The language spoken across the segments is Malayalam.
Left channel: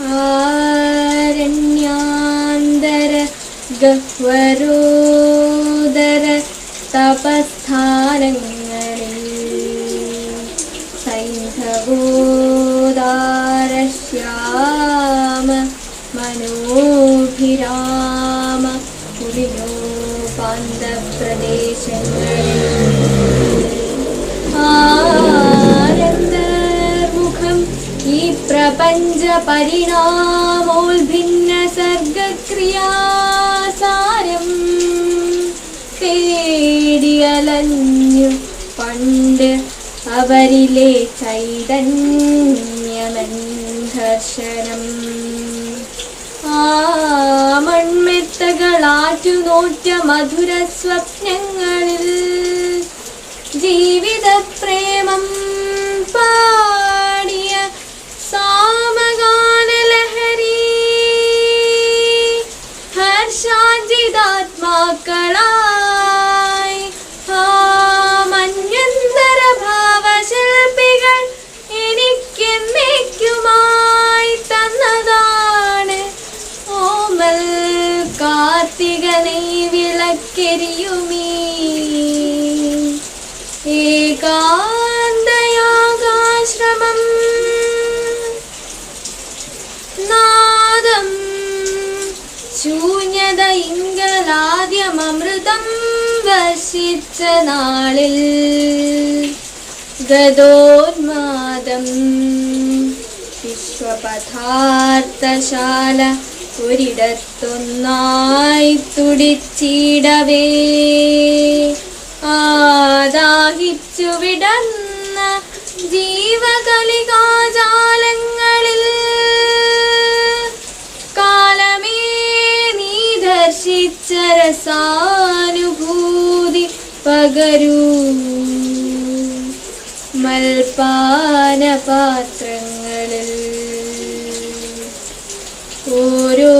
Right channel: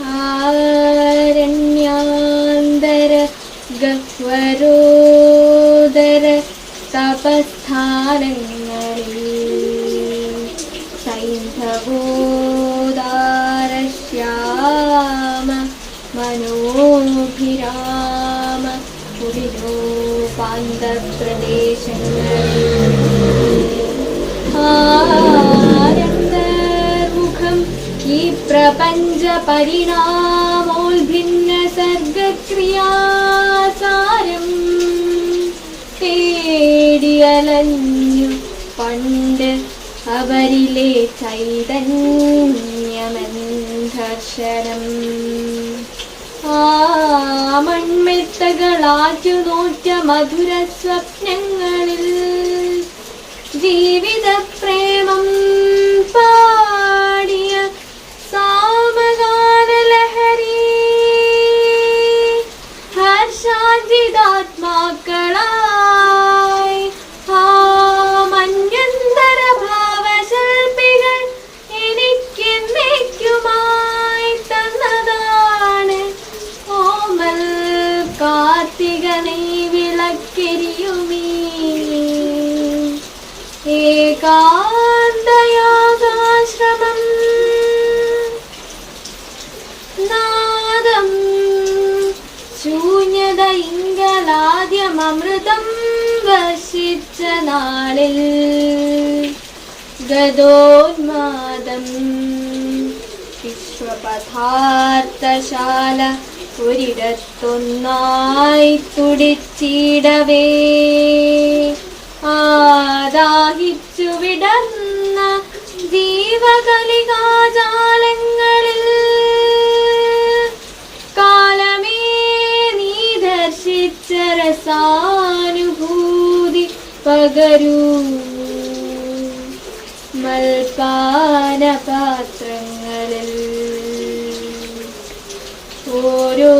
ആരണ്യാന്തര ഗഹ്വരോദര തപസ്ഥാനങ്ങളിൽ സൈന്ധവോദാരശ്യാമ മനോഭിരാമ കുടിലോപാന്തപ്രദേശങ്ങളിൽ ആനന്ദമുഖം ഈ പ്രപഞ്ച പരിണാമോൽഭിന്ന സർഗക്രിയാസാരം തേടിയലഞ്ഞു പണ്ട് അവരിലെ ചൈതന്യമന്ധർശനം. ആ മൺമെത്തകളാറ്റു നോറ്റ മധുര സ്വപ്നങ്ങളിൽ ജീവിത പ്രേമം പാടിയ സാമഗാനലഹരി ഹർഷാജിതാത്മാക്കളായി ആ മന്യന്തര ഭാവശില്പികൾ എനിക്കെന്നേക്കുമായി തന്നതാണ് ഓമൽ കാർത്തികനെ വിളക്കെരിയുമീ ഏകാന്തയാകാശ്രമം. നാദം ശൂന്യത ഇംഗലാദ്യമമൃതം വർഷിച്ച നാളിൽ ഗതോന്മാദം വിശ്വപദാർത്ഥശാല ഒരിടത്തൊന്നായി തുടിച്ചിടവേ ആദാഹിച്ചു വിടർന്ന ജീവകലികാജാലങ്ങളിൽ കാലമേ നീ ദർശിച്ച രസാനുഭൂതി പകരൂ. മൽപാനപാത്രങ്ങളിൽ ഓരോ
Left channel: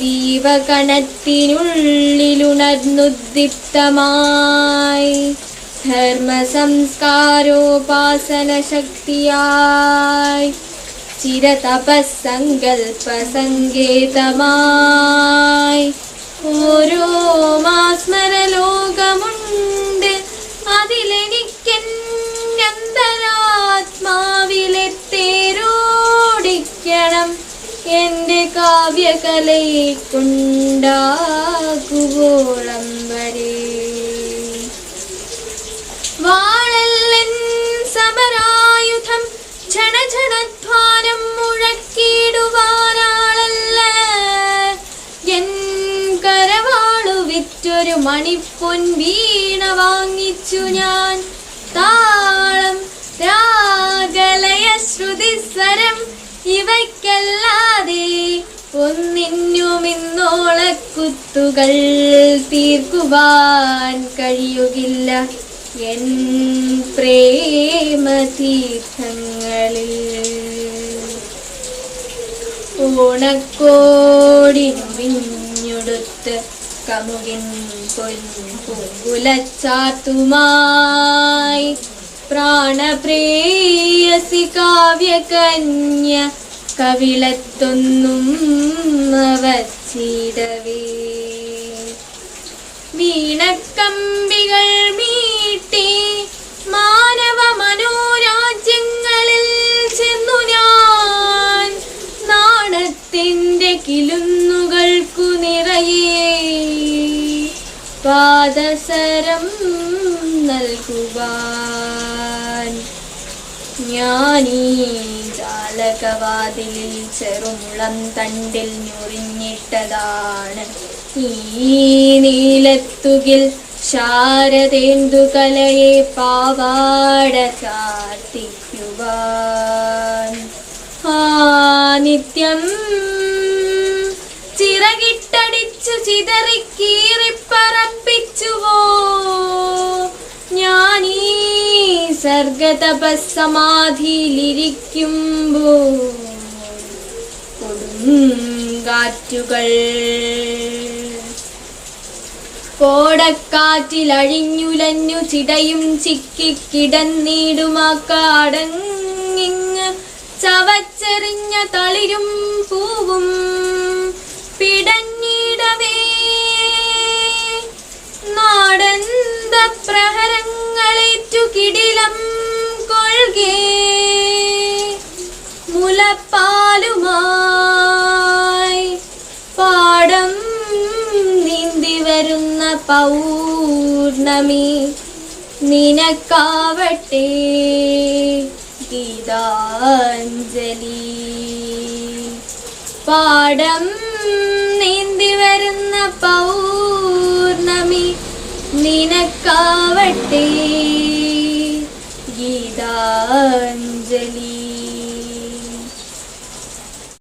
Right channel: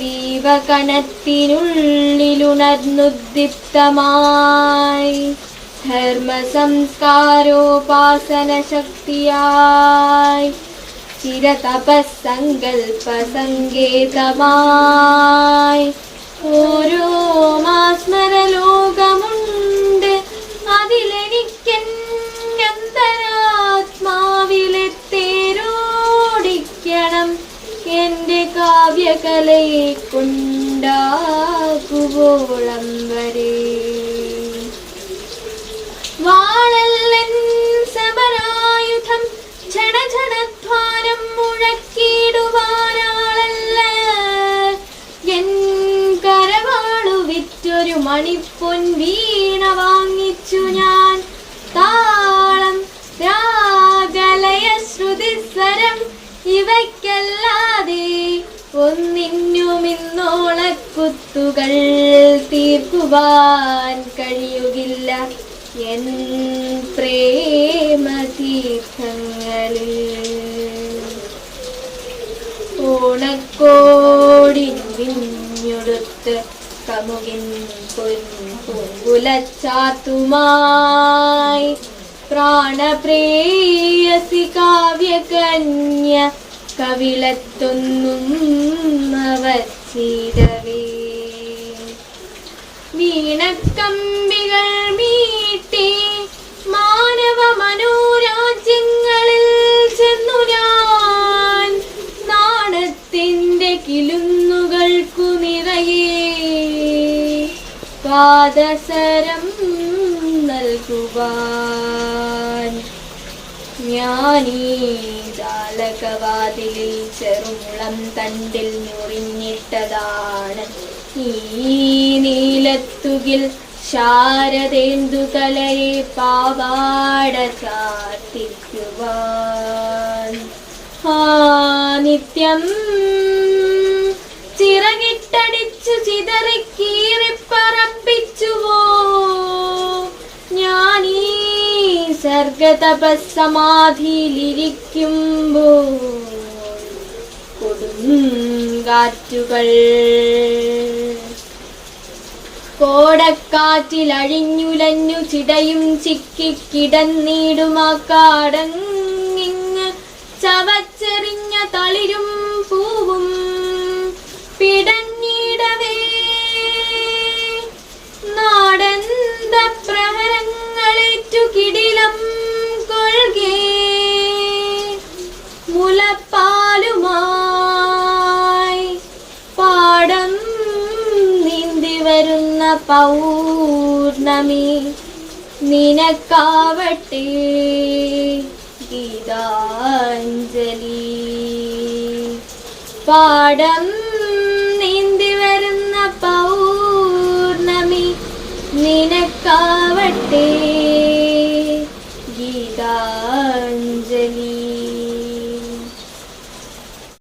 ജീവകണത്തിനുള്ളിലുണർന്നുദ്ദീപ്തമായി ധർമ്മസംസ്കാരോപാസന ശക്തിയായി ചിരതപസ്സങ്കൽപ്പ സങ്കേതമായി ഓരോ മാസ്മരലോകമുണ്ട്. അതിലെനിക്കെന്തരാത്മാവിലെ തേരോടിക്കണം. എന്റെ കാവ്യകലയെ കൊണ്ടാകുവോളം വരെ വാളല്ലൻ സമരായുധം ക്ഷണക്ഷണധ്വാനം മുഴക്കിടുവാനാളല്ല. എൻ കരവാളു വിറ്റൊരു മണിപ്പൊൻ വീണ വാങ്ങിച്ചു ഞാൻ. താളം രാഗലയ ശ്രുതിസ്വരം ഇവയ്ക്കല്ലാതെ ഒന്നിന്നുമിന്നോളക്കുത്തുകൾ തീർക്കുവാൻ കഴിയുകില്ല എൻ പ്രേമതീർത്ഥങ്ങളിൽ. ഓണക്കോടിഞ്ഞുടുത്ത് കമുകിൻ പൂങ്കുലച്ചാത്തുമായി പ്രാണപ്രേയസി കാവ്യകന്യ കവിളത്തൊന്നും വച്ചിടവേ വീണക്കമ്പികൾ മീട്ടി മാനവ മനോരാജ്യങ്ങളിൽ ചെന്നു ഞാൻ. നാണത്തിന്റെ കിലുങ്ങുകൾക്കു നിറയെ പാദസരം നൽകുവാൻ ഞാനീ ജാലകവാതിലിൽ ചെറുമുളം തണ്ടിൽ ഞൊറിഞ്ഞിട്ടതാണ്. ഈ നീലത്തുകിൽ ശാരദേന്ദുകലയെ പാവാട ചാർത്തിക്കുവാൻ. ആ നിത്യം ചിറകിട്ടടിച്ചു ചിതറിക്കീറിപ്പറപ്പിച്ചുവോ ഞാനീ സർഗതപസ്സമാധിയിലിരിക്കുമ്പോൾ കൊടുങ്കാറ്റുകൾ കോടക്കാറ്റിലഴിഞ്ഞുലഞ്ഞു ചിടയും ചിക്കിക്കിടന്നിടുമാ കാടങ്ങിങ് ചവച്ചെറിഞ്ഞ തളിരും പൂവും പിടഞ്ഞിടവേ നാടന്ത പ്രഹരങ്ങളേറ്റു കിടിലം കൊഴുകേ മുലപ്പാലുമായി പാടം നീന്തി വരുന്ന പൗർണമി നിനക്കാവട്ടെ ഗീതാഞ്ജലി. പാടം നീന്തി വരുന്ന പൗർണമി നിനക്കാവട്ടെ ഗീതാഞ്ജലി.